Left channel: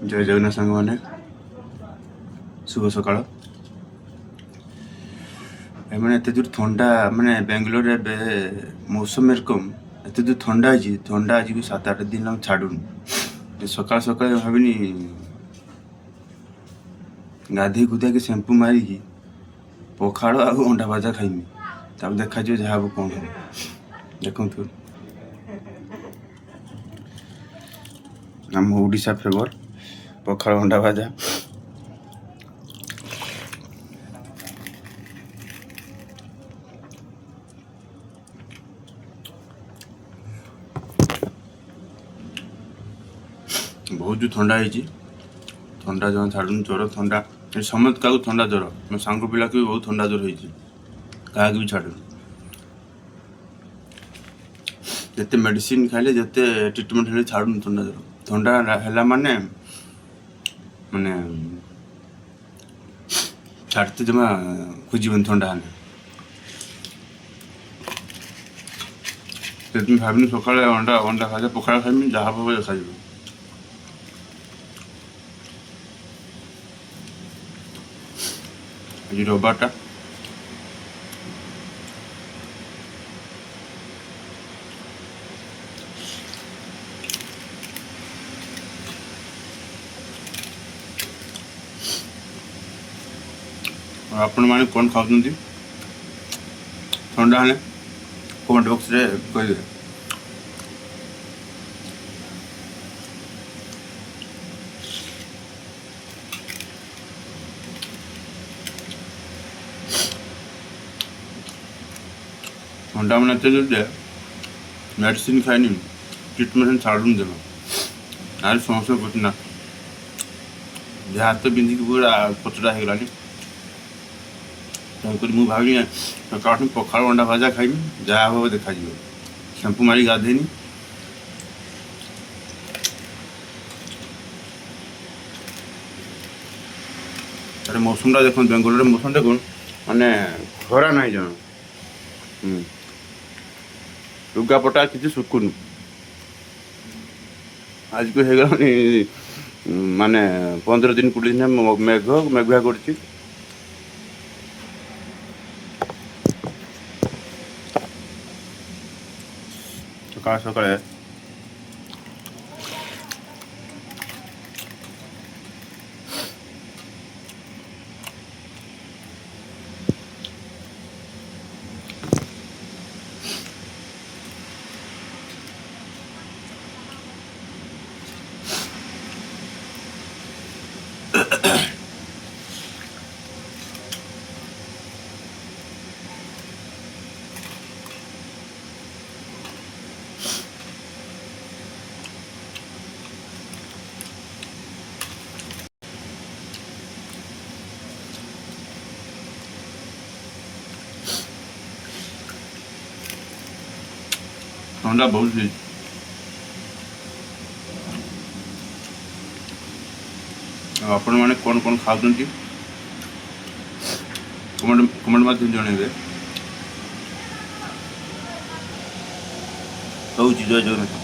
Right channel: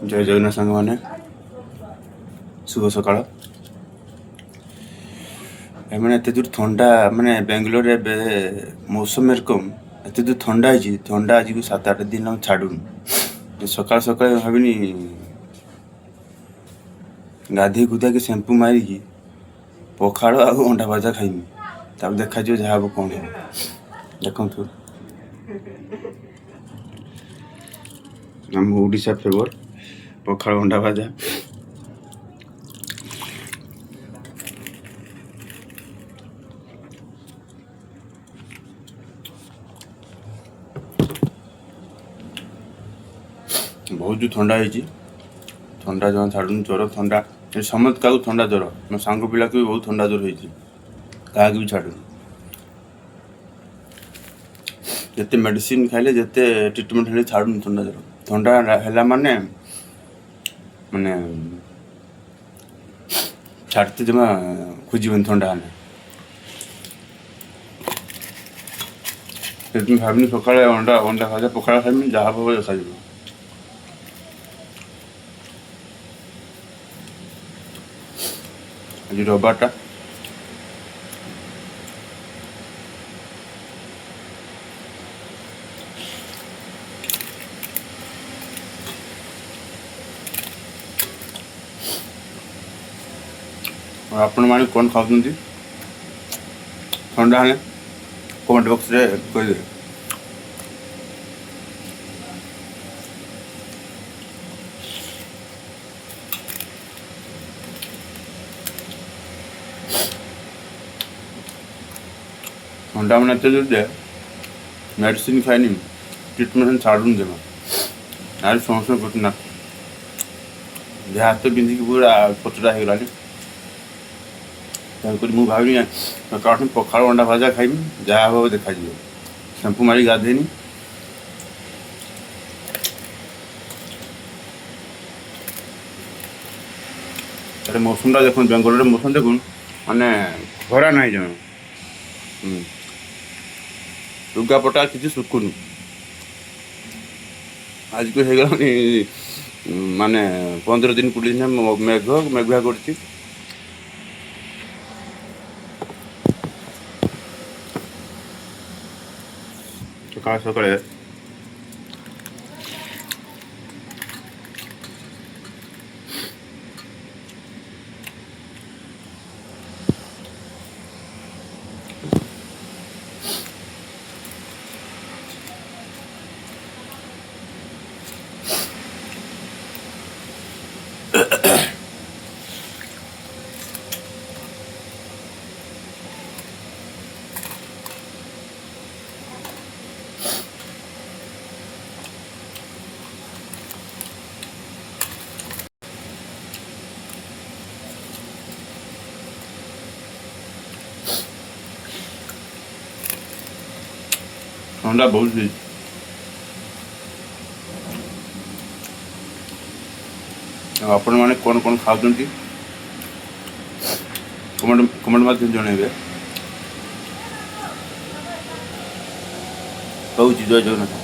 जय जगन्नाथ सांग मैंने शुभ सकाळ मैंने एत दूर थंडा माने बेंगलोर मौसम एरकम एत दूर थंडा थंडा आज को 7-8 दिन छाड़ूनी सकाल सकाल भाविनी गाधे गुधा के शैम्पू मारिकी पखाड़ आ अंडा भजा खाइमी तब देखा जहाँ हम कौन हम देखु आम ओडिशा फेवर पखाड़ अंडा भजा बहुत जो थंडा थंडा जमा छाड़ू ज्वर थंडा समस्त क्या थंडा ज्वर मो सांग पिला को भी बहुत थंडा ज्वर क्या भी छाड़ू जिते मेडिसिन खाइले जिते ट्रिटमेंट हेल्ले छाड़ू थंडा ज्वर थंडा है माने माने छाड़ते जमा खोजन थंडा है भाविनी सका अंडा अंडा भजा पखाड़ खाइमी जहाँ भाव देखा आज रविवार आपण मैंने कौन खाऊ ठंडा हेल्ले कमेंट बॉक्स रे कही ठंडा मैंने एत जोर दे मेडिसिन खाइनी ट्रिटमेंट छाड़ूनी जमा आज समस्या कठिन जहाँ हाथ बिंधिकी पूरा पचड़ा हो गलानी मुझे भावी सकाल पखाड़ अंडा भजा खाइमी जहाँ हम देखा शैम्पू मारी गाधेनी मौसम देख बेंगलोर मौसम देख माने खरा ना जमा लुगापटा किसी सुकुन आज को हो माने 15 दिन 20 दिन मेघुआ कर सकाल सकाल ठंडा बहुत आपण मैंने कौन कौन खाऊ कमेंट मध्यम जनइबे कहूँ जय जगन्नाथ।